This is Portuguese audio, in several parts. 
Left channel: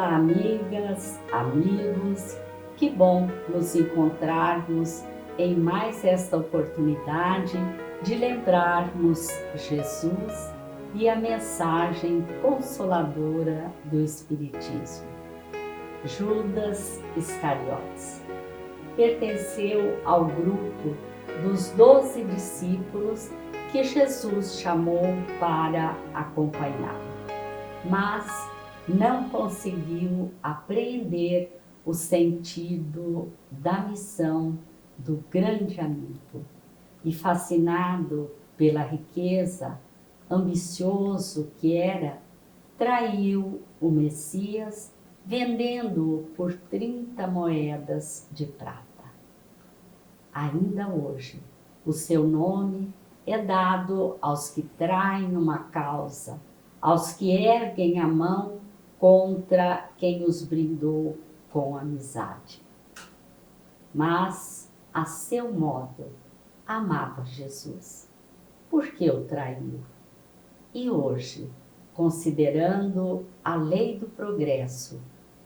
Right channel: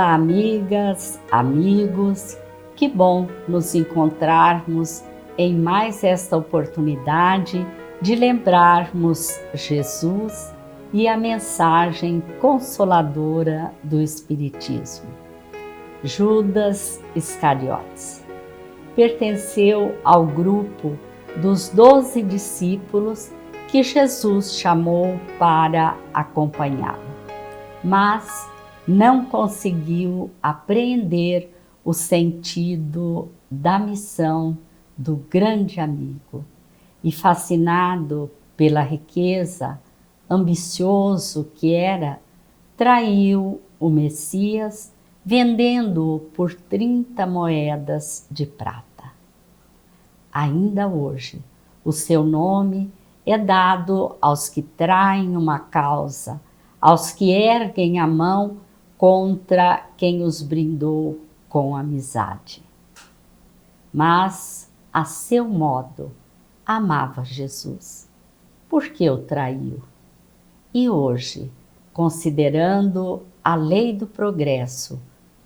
Olá, amigas, amigos, que bom nos encontrarmos em mais esta oportunidade de lembrarmos Jesus e a mensagem consoladora do Espiritismo. Judas Iscariotes pertenceu ao grupo dos 12 discípulos que Jesus chamou para acompanhá-lo, mas não conseguiu apreender o sentido da missão do grande amigo e, fascinado pela riqueza, ambicioso que era, traiu o Messias, vendendo-o por 30 moedas de prata. Ainda hoje, o seu nome é dado aos que traem uma causa, aos que erguem a mão contra quem os brindou com amizade. Mas, a seu modo, amava Jesus. Por que o traiu? E hoje, considerando a lei do progresso,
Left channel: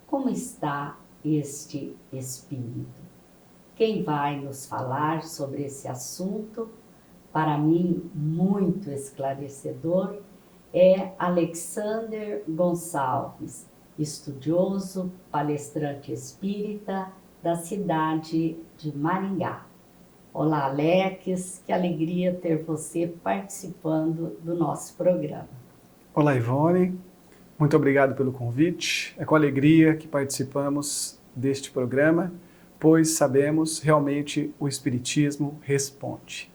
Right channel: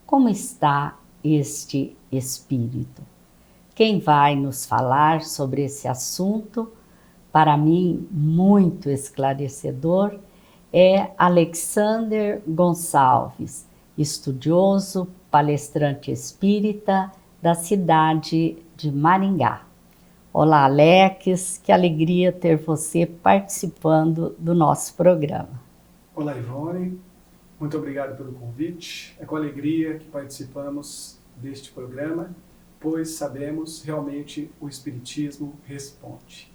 como está este espírito? Quem vai nos falar sobre esse assunto, para mim muito esclarecedor, é Alexander Gonçalves, estudioso, palestrante espírita da cidade de Maringá. Olá, Alex, que alegria ter você participando do nosso programa. Olá, Ivone, muito obrigado pelo convite. É com alegria que participamos deste programa, pois sabemos realmente o Espiritismo responde.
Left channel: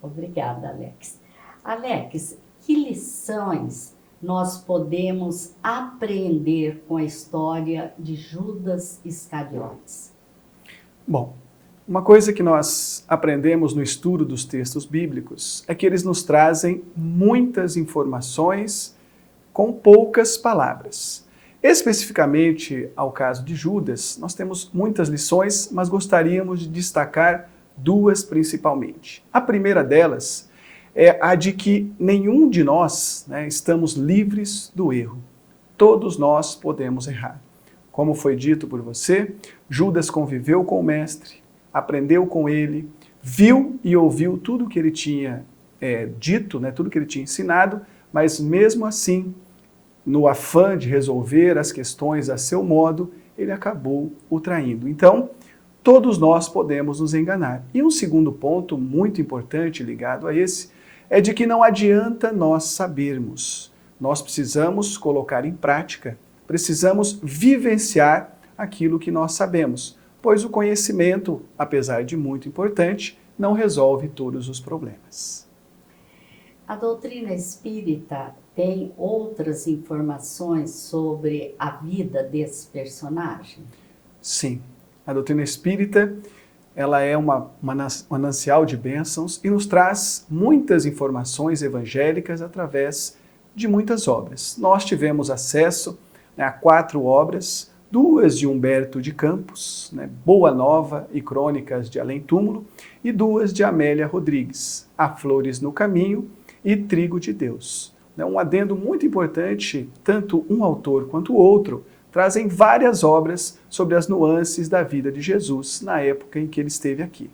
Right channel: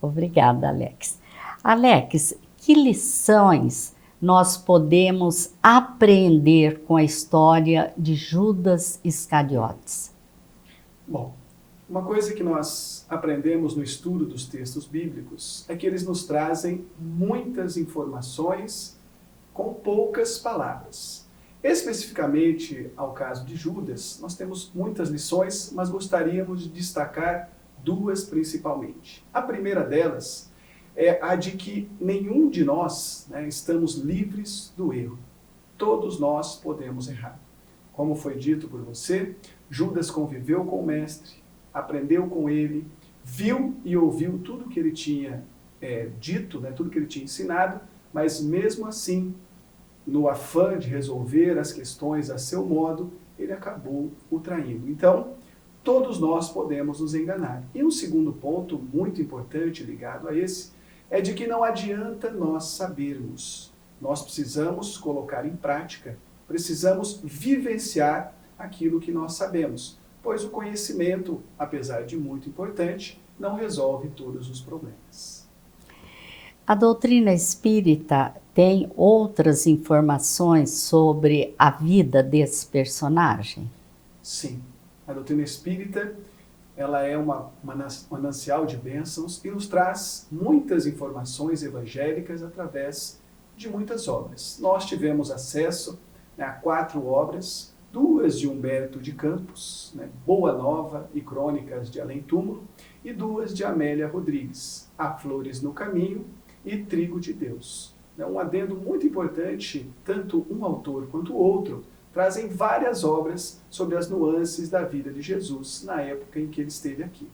Obrigada, Alex. Alex, que lições nós podemos aprender com a história de Judas Iscariotes? Bom, uma coisa que nós aprendemos no estudo dos textos bíblicos é que eles nos trazem muitas informações com poucas palavras. Especificamente ao caso de Judas, nós temos muitas lições, mas gostaríamos de destacar duas principalmente. A primeira delas é a de que nenhum de nós estamos livres do erro. Todos nós podemos errar. Como foi dito por você, Judas conviveu com o Mestre, aprendeu com ele, viu e ouviu tudo que ele tinha dito, tudo que ele tinha ensinado, mas mesmo assim, no afã de resolver as questões a seu modo, ele acabou o traindo. Então, todos nós podemos nos enganar. E um segundo ponto muito importante ligado a esse é de que não adianta nós sabermos. Nós precisamos colocar em prática, precisamos vivenciar aquilo que nós sabemos, pois o conhecimento, apesar de muito importante, não resolve todos os problemas. A doutrina espírita tem outras informações sobre a vida desse personagem? Sim. A doutrina espírita, ela é uma manancial de bênçãos e nos traz muitas informações evangélicas através de muitas obras. Nós tivemos acesso a 4 obras, 2 de Humberto de Campos, Boa Nova e Crônicas de Além Túmulo, e 2 de Amélia Rodrigues, Há Flores no Caminho e Trigo de Deus. Um adendo muito importante, tanto um autor quanto o outro trazem várias obras sobre as nuances da vida de Jesus na época em que ele esteve aqui.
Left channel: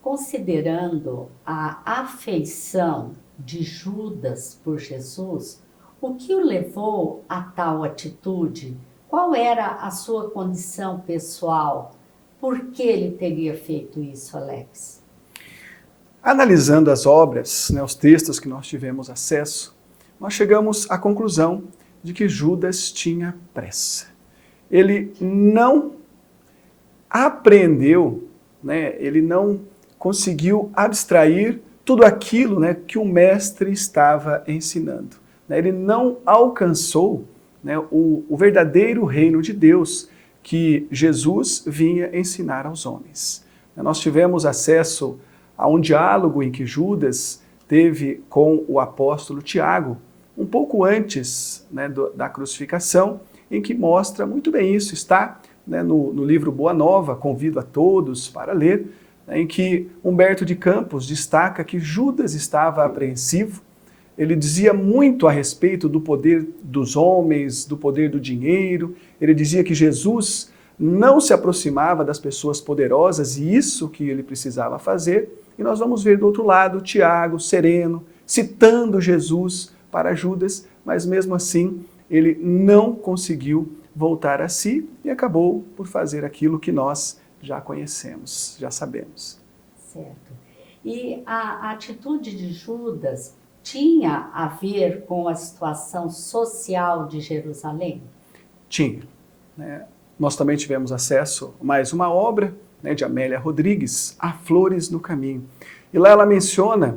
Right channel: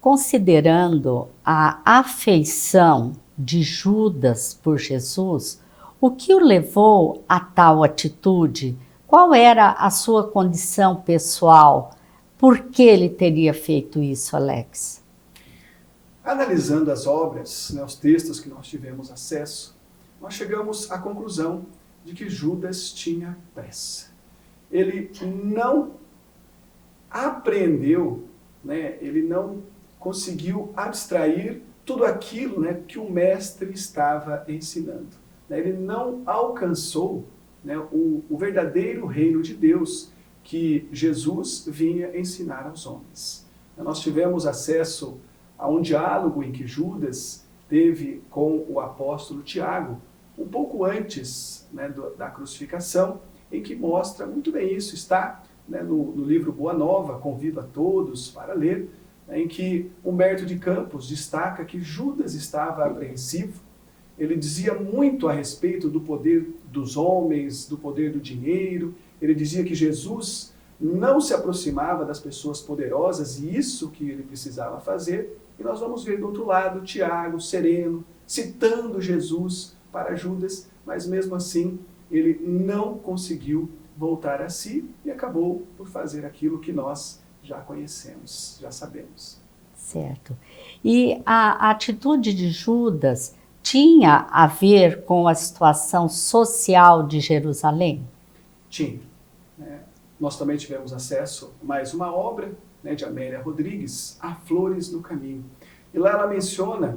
Considerando a afeição de Judas por Jesus, o que o levou a tal atitude? Qual era a sua condição pessoal? Por que ele teria feito isso, Alex? Analisando as obras, os textos que nós tivemos acesso, nós chegamos à conclusão de que Judas tinha pressa. Ele não aprendeu, ele não conseguiu abstrair tudo aquilo que o mestre estava ensinando. Ele não alcançou o verdadeiro reino de Deus que Jesus vinha ensinar aos homens. Nós tivemos acesso a um diálogo em que Judas teve com o apóstolo Tiago, um pouco antes da crucificação, em que mostra muito bem isso. Está no livro Boa Nova, convido a todos para ler, em que Humberto de Campos destaca que Judas estava apreensivo ele dizia muito a respeito do poder dos homens, do poder do dinheiro. Ele dizia que Jesus não se aproximava das pessoas poderosas e isso que ele precisava fazer. E nós vamos ver do outro lado Tiago, sereno, citando Jesus para Judas, mas mesmo assim ele não conseguiu voltar a si e acabou por fazer aquilo que nós já conhecemos, já sabemos. Certo. E a atitude de Judas tinha a ver com a situação social de Jerusalém? Tinha. Nós também tivemos acesso a mais uma obra, de Amélia Rodrigues, Há Flores no Caminho. E lá ela menciona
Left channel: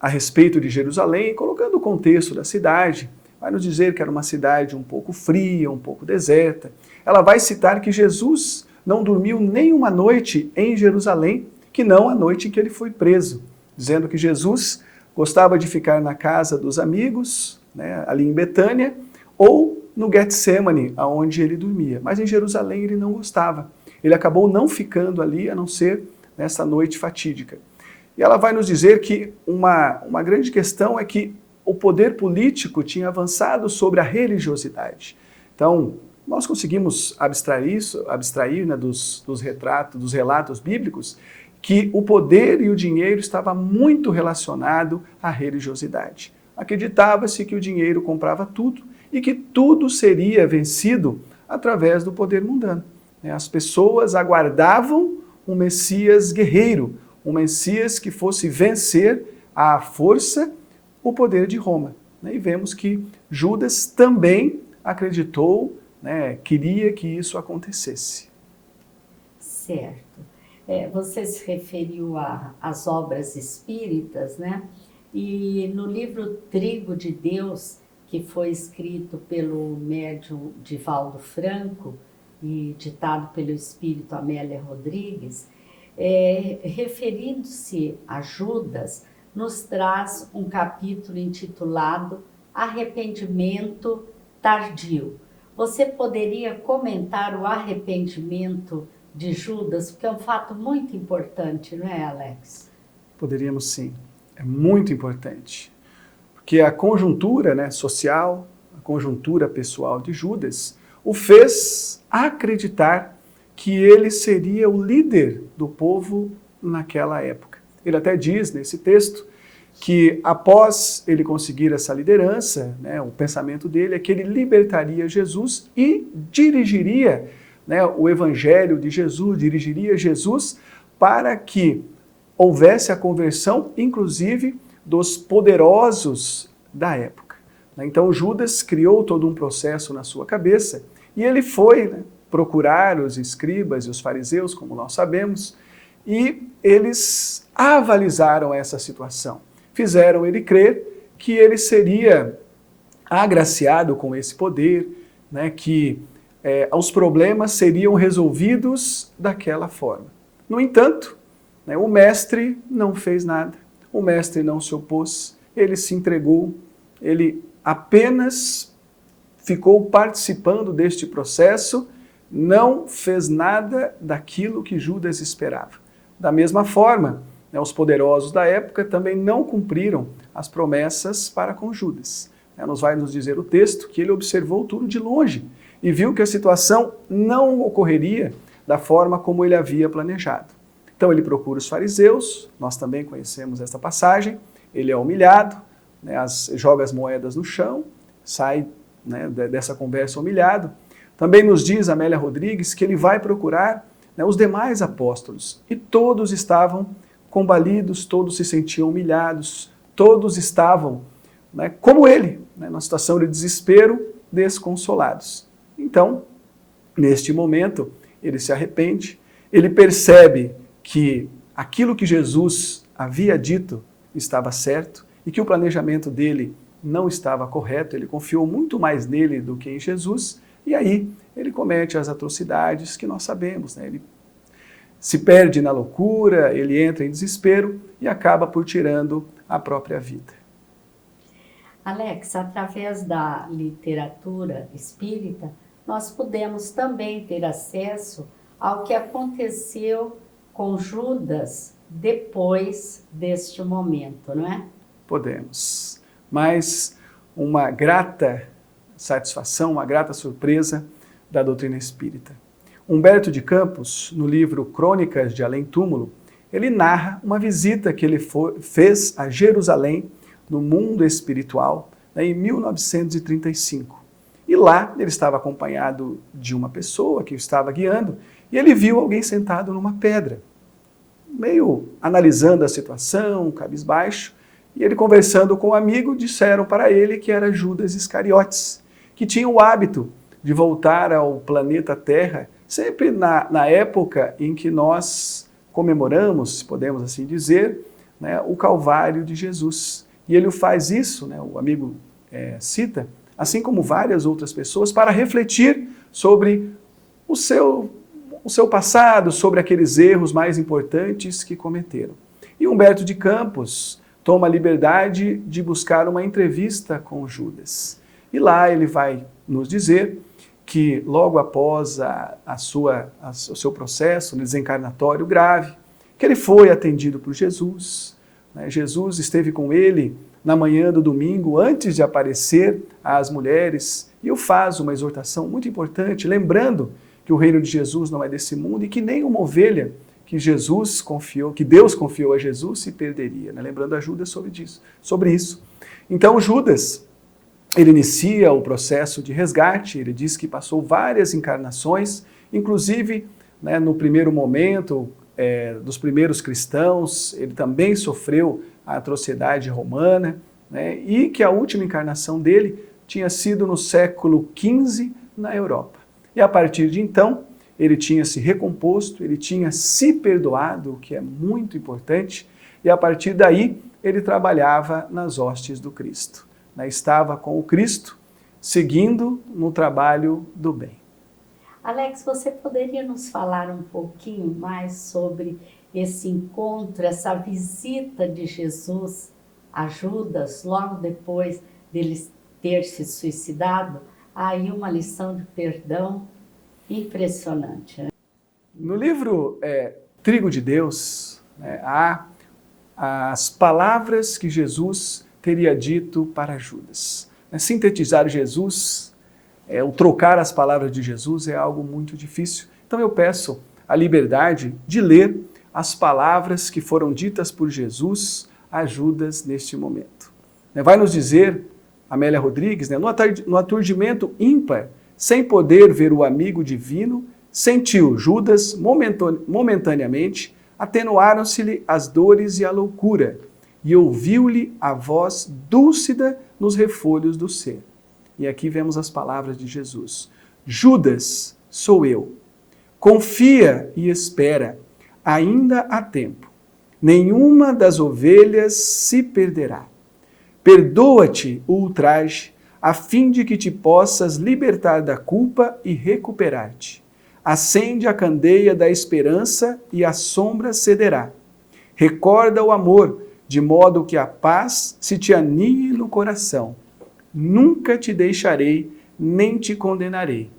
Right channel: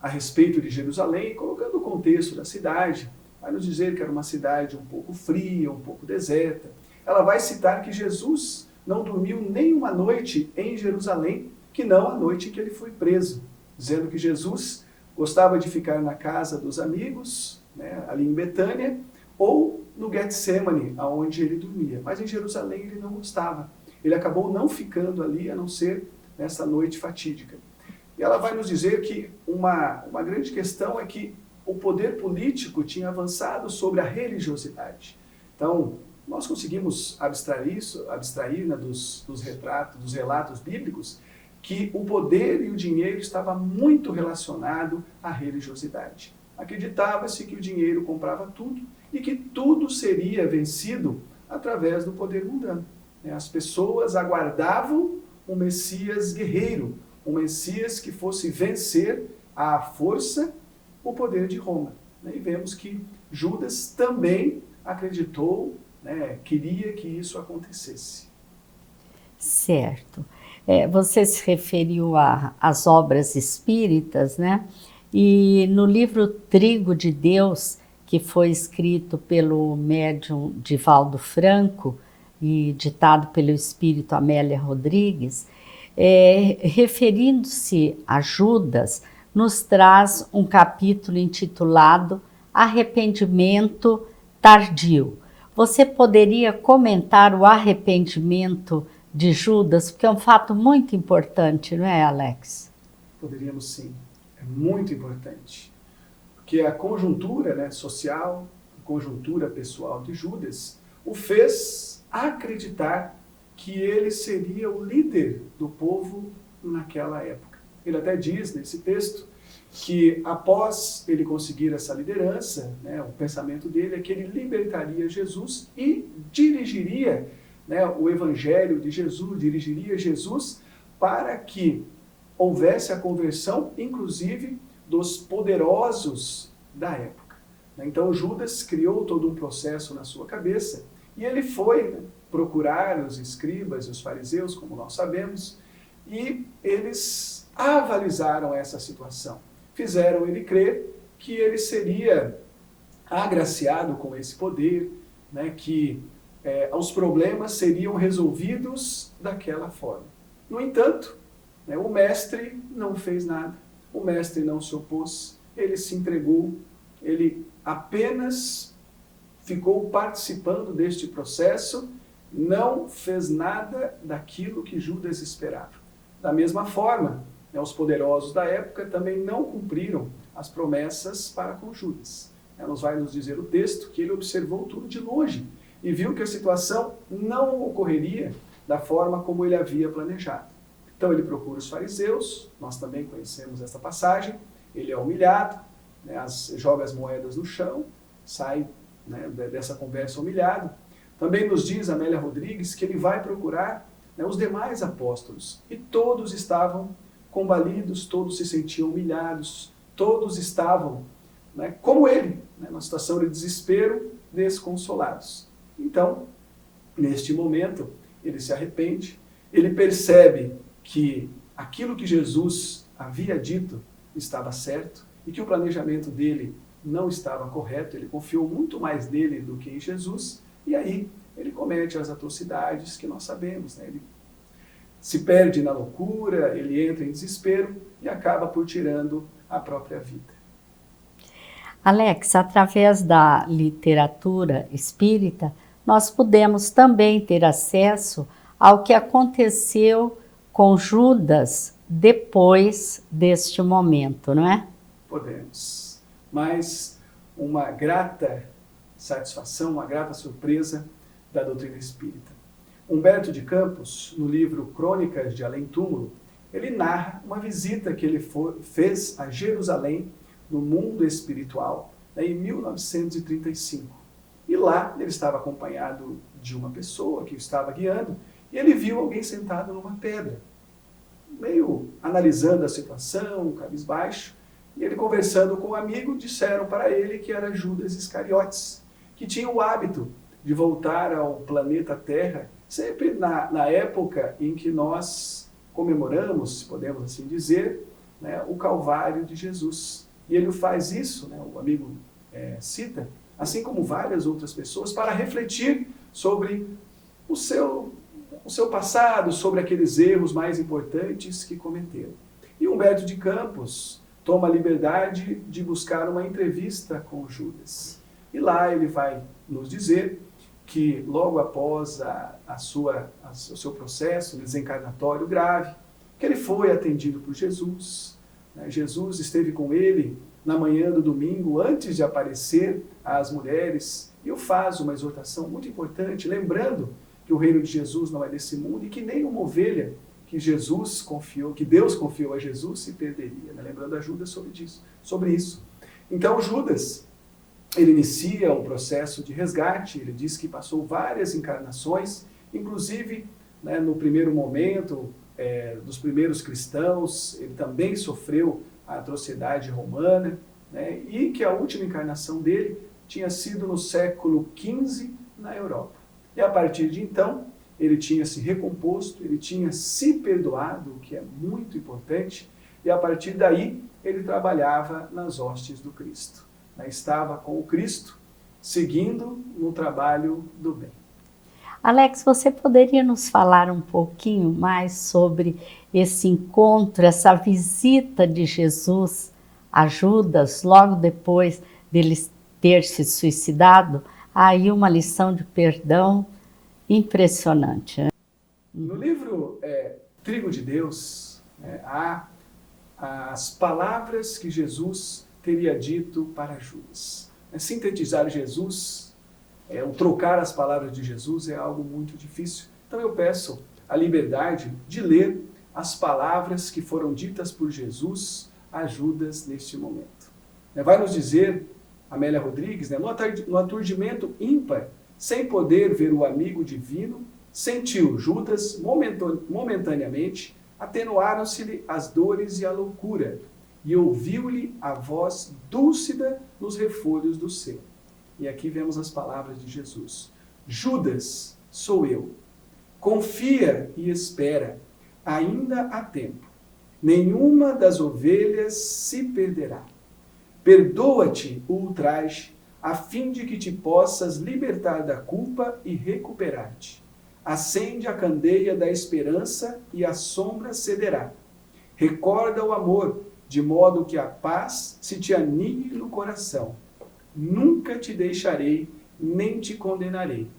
a respeito de Jerusalém, colocando o contexto da cidade, vai nos dizer que era uma cidade um pouco fria, um pouco deserta. Ela vai citar que Jesus não dormiu nem uma noite em Jerusalém, que não a noite em que ele foi preso, dizendo que Jesus gostava de ficar na casa dos amigos, ali em Betânia, ou no Getsemane, onde ele dormia. Mas em Jerusalém ele não gostava. Ele acabou não ficando ali, a não ser nessa noite fatídica. E ela vai nos dizer que uma grande questão é que o poder político tinha avançado sobre a religiosidade. Então, nós conseguimos abstrair dos relatos bíblicos, que o poder e o dinheiro estava muito relacionado à religiosidade. Acreditava-se que o dinheiro comprava tudo e que tudo seria vencido através do poder mundano. As pessoas aguardavam um Messias guerreiro, um Messias que fosse vencer à força o poder de Roma. E vemos que Judas também acreditou, queria que isso acontecesse. Certo. Você se referiu às obras espíritas, né? E no livro Trigo de Deus, que foi escrito pelo médium Divaldo Franco e ditado pelo espírito Amélia Rodrigues, referindo-se a Judas, nos traz um capítulo intitulado Arrependimento Tardio. Você poderia comentar o arrependimento de Judas, porque é um fato muito importante, não é, Alex? Poderíamos sim, é muito importante. Porque a conjuntura social, a conjuntura pessoal de Judas, o fez acreditar que ele seria o líder do povo naquela época. Ele até diz nesse texto que após ele conseguir essa liderança, o pensamento dele é que ele libertaria Jesus e dirigiria o evangelho de Jesus, dirigiria Jesus para que houvesse a conversão, inclusive, dos poderosos da época. Então Judas criou todo um processo na sua cabeça e ele foi procurar os escribas e os fariseus, como nós sabemos, e eles avalizaram essa situação. Fizeram ele crer que ele seria agraciado com esse poder, que os problemas seriam resolvidos daquela forma. No entanto, o mestre não fez nada, o mestre não se opôs, ele se entregou, ele apenas ficou participando deste processo, não fez nada daquilo que Judas esperava. Da mesma forma, os poderosos da época também não cumpriram as promessas para com Judas. Nos vai nos dizer o texto que ele observou tudo de longe e viu que a situação não ocorreria da forma como ele havia planejado. Então ele procura os fariseus, nós também conhecemos esta passagem, ele é humilhado, joga as moedas no chão, sai dessa conversa humilhado. Também nos diz Amélia Rodrigues que ele vai procurar os demais apóstolos e todos estavam combalidos, todos se sentiam humilhados, todos estavam como ele, numa situação de desespero, desconsolados. Então, neste momento, ele se arrepende, ele percebe que aquilo que Jesus havia dito estava certo e que o planejamento dele não estava correto, ele confiou muito mais nele do que em Jesus, e aí ele comete as atrocidades que nós sabemos. Ele se perde na loucura, ele entra em desespero e acaba por tirando a própria vida. Alex, através da literatura espírita, nós podemos também ter acesso ao que aconteceu com Judas depois deste momento, não é? Podemos. mas uma grata satisfação, uma grata surpresa da doutrina espírita. Humberto de Campos, no livro Crônicas de Além Túmulo, ele narra uma visita que ele fez a Jerusalém, no mundo espiritual, em 1935. E lá ele estava acompanhado de uma pessoa que o estava guiando, e ele viu alguém sentado numa pedra, meio analisando a situação, cabisbaixo, e ele conversando com um amigo, disseram para ele que era Judas Iscariotes, que tinha o hábito de voltar ao planeta Terra sempre na época em que nós comemoramos, podemos assim dizer, né, o Calvário de Jesus. E ele faz isso, né, o amigo cita, assim como várias outras pessoas, para refletir sobre o seu passado, sobre aqueles erros mais importantes que cometeram. E Humberto de Campos toma a liberdade de buscar uma entrevista com Judas. E lá ele vai nos dizer que logo após o seu processo desencarnatório grave, que ele foi atendido por Jesus. Né? Jesus esteve com ele na manhã do domingo, antes de aparecer às mulheres, e o faz uma exortação muito importante, lembrando que o reino de Jesus não é desse mundo e que nem uma ovelha que Deus confiou a Jesus se perderia, né? Lembrando a Judas sobre isso. Então Judas, ele inicia o processo de resgate, ele diz que passou várias encarnações, inclusive, né, no primeiro momento dos primeiros cristãos, ele também sofreu a atrocidade romana, né, e que a última encarnação dele tinha sido no século XV na Europa. E a partir de então, ele tinha se recomposto, ele tinha se perdoado, o que é muito importante, e a partir daí ele trabalhava nas hostes do Cristo. Né? Estava com o Cristo, seguindo no trabalho do bem. Alex, você poderia nos falar um pouquinho mais sobre esse encontro, essa visita de Jesus a Judas, logo depois dele ter se suicidado? Aí uma lição de perdão impressionante. Né? No livro Trigo de Deus, né, há as palavras que Jesus teria dito para Judas. Sintetizar Jesus, o trocar as palavras de Jesus é algo muito difícil. Então eu peço a liberdade de ler as palavras que foram ditas por Jesus a Judas neste momento. Vai nos dizer Amélia Rodrigues, né, no aturdimento ímpar, sem poder ver o amigo divino, sentiu Judas momentaneamente, atenuaram-se-lhe as dores e a loucura, e ouviu-lhe a voz dúlcida nos refolhos do ser. E aqui vemos as palavras de Jesus. Judas, sou eu. Confia e espera, ainda há tempo. Nenhuma das ovelhas se perderá. Perdoa-te o ultraje, a fim de que te possas libertar da culpa e recuperar-te. Acende a candeia da esperança e a sombra cederá. Recorda o amor, de modo que a paz se te aninhe no coração. Nunca te deixarei, nem te condenarei.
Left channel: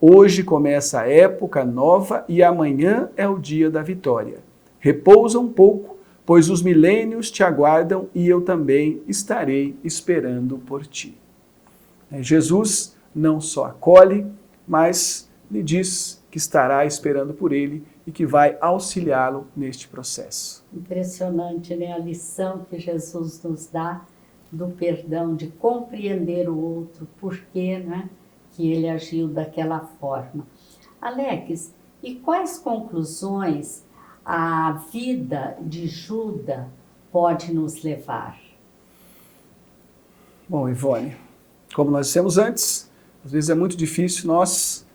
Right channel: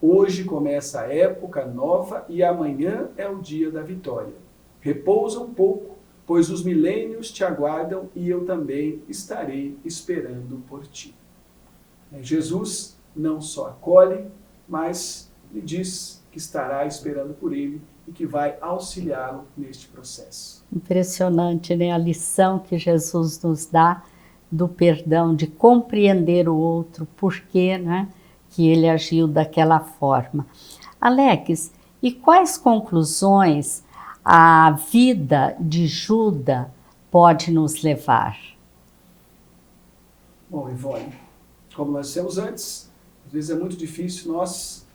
Hoje começa a época nova e amanhã é o dia da vitória. Repousa um pouco, pois os milênios te aguardam e eu também estarei esperando por ti. Jesus não só acolhe, mas lhe diz que estará esperando por ele e que vai auxiliá-lo neste processo. Impressionante, né? A lição que Jesus nos dá do perdão, de compreender o outro, porquê, né, que ele agiu daquela forma. Alex, e quais conclusões a vida de Judas pode nos levar? Bom, Ivone, como nós dissemos antes, às vezes é muito difícil nós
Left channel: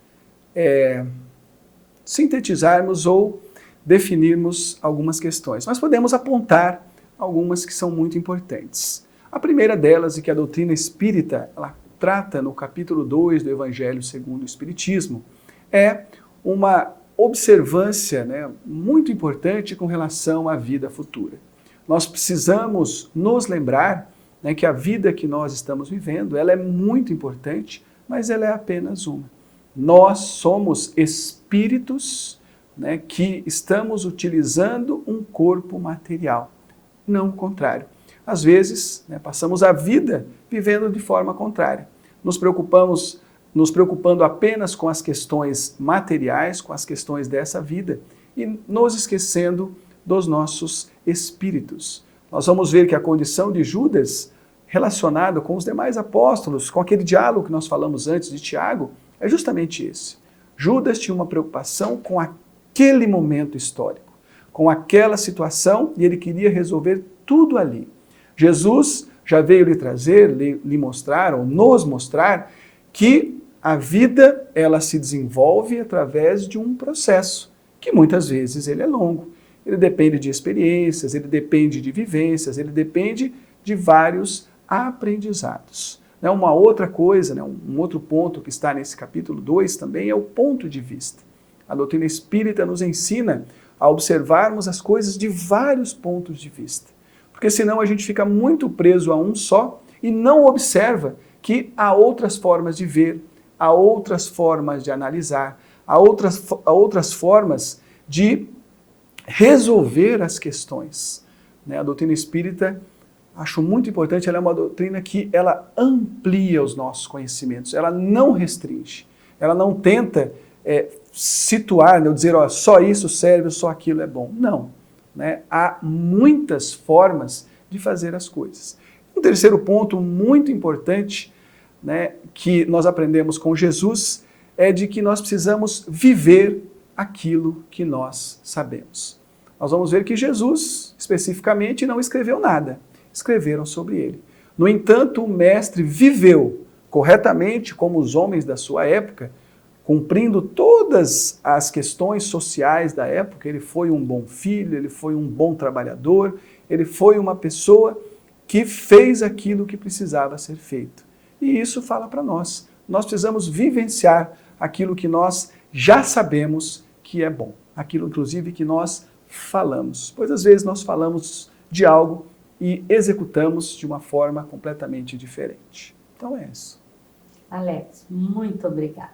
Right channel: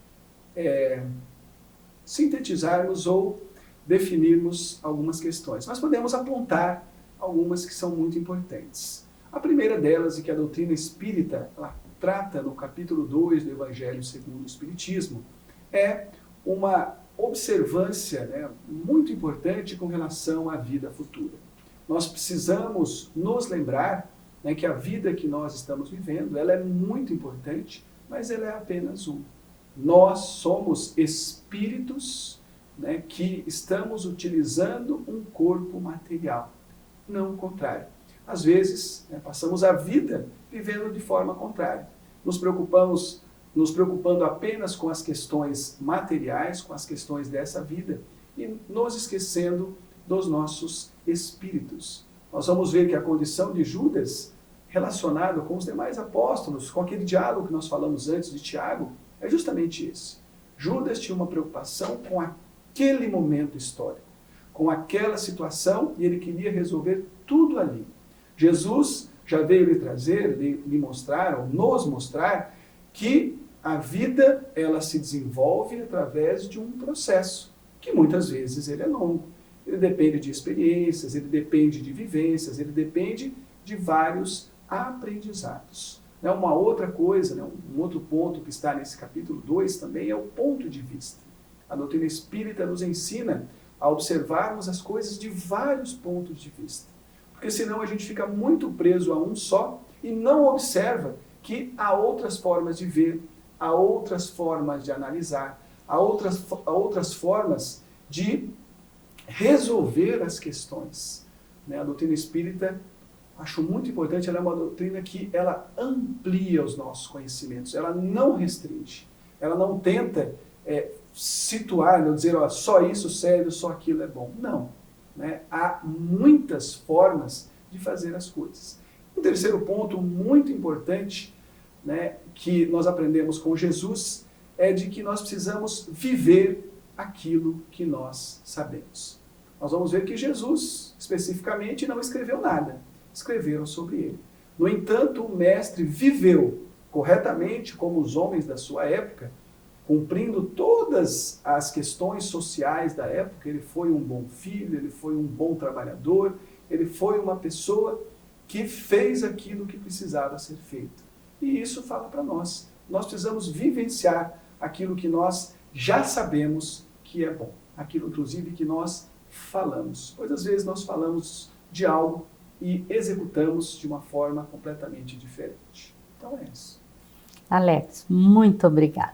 sintetizarmos ou definirmos algumas questões, mas podemos apontar algumas que são muito importantes. A primeira delas, e que a doutrina espírita ela trata no capítulo 2 do Evangelho segundo o Espiritismo, é uma observância, né, muito importante com relação à vida futura. Nós precisamos nos lembrar, né, que a vida que nós estamos vivendo ela é muito importante, mas ela é apenas uma. Nós somos espíritos, né, que estamos utilizando um corpo material, não o contrário. às vezes, né, passamos a vida vivendo de forma contrária. Nos preocupando apenas com as questões materiais, com as questões dessa vida, e nos esquecendo dos nossos espíritos. Nós vamos ver que a condição de Judas, relacionada com os demais apóstolos, com aquele diálogo que nós falamos antes de Tiago, é justamente esse. Judas tinha uma preocupação com aquele momento histórico, com aquela situação, e ele queria resolver tudo ali. Jesus já veio lhe trazer, lhe mostrar, ou nos mostrar, que a vida ela se desenvolve através de um processo, que muitas vezes ele é longo. Ele depende de experiências, ele depende de vivências, ele depende de vários aprendizados. Uma outra coisa, um outro ponto que está nesse capítulo 2 também é o ponto de vista. A doutrina espírita nos ensina a observarmos as coisas de vários pontos de vista. Porque senão a gente fica muito preso a um só e não observa que há outras formas de ver, há outras formas de analisar, há outras formas de resolver as questões. A doutrina espírita, acho muito importante, ela é uma doutrina que ela amplia os nossos conhecimentos, ela não restringe, ela não tenta situar, dizer, só isso serve, só aquilo é bom. Não. Há muitas formas de fazer as coisas. Um terceiro ponto muito importante, que nós aprendemos com Jesus é de que nós precisamos viver aquilo que nós sabemos. Nós vamos ver que Jesus, especificamente, não escreveu nada. Escreveram sobre ele. No entanto, o mestre viveu corretamente como os homens da sua época, cumprindo todas as questões sociais da época. Ele foi um bom filho, ele foi um bom trabalhador, ele foi uma pessoa que fez aquilo que precisava ser feito. E isso fala para nós. Nós precisamos vivenciar aquilo que nós já sabemos que é bom. Aquilo, inclusive, que nós falamos. Pois, às vezes, nós falamos de algo e executamos de uma forma completamente diferente. Então, é isso. Alex, muito obrigada.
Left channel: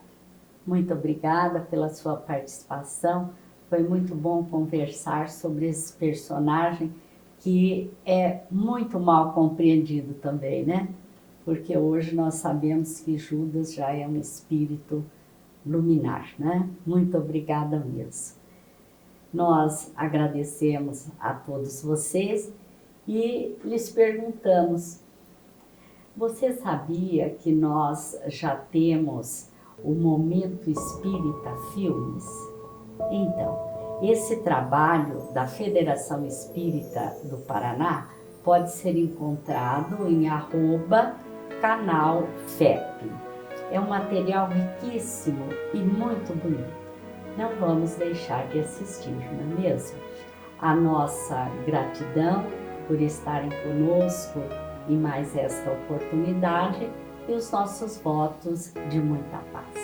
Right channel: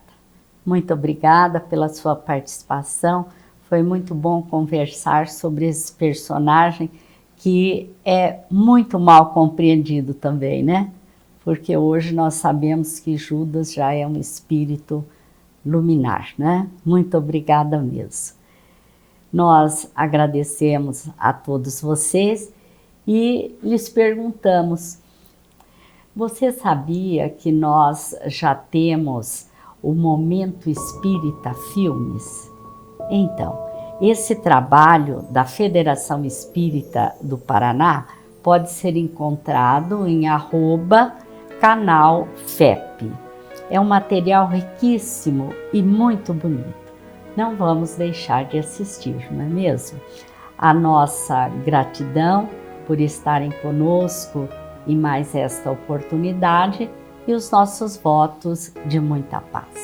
Muito obrigada pela sua participação. Foi muito bom conversar sobre esse personagem que é muito mal compreendido também, né? Porque hoje nós sabemos que Judas já é um espírito luminar, né? Muito obrigada mesmo. Nós agradecemos a todos vocês e lhes perguntamos, você sabia que nós já temos o Momento Espírita Filmes? Então, esse trabalho da Federação Espírita do Paraná pode ser encontrado em @canal FEP. É um material riquíssimo e muito bonito. Não vamos deixar de assistir, não é mesmo? A nossa gratidão por estarem conosco em mais esta oportunidade e os nossos votos de muita paz.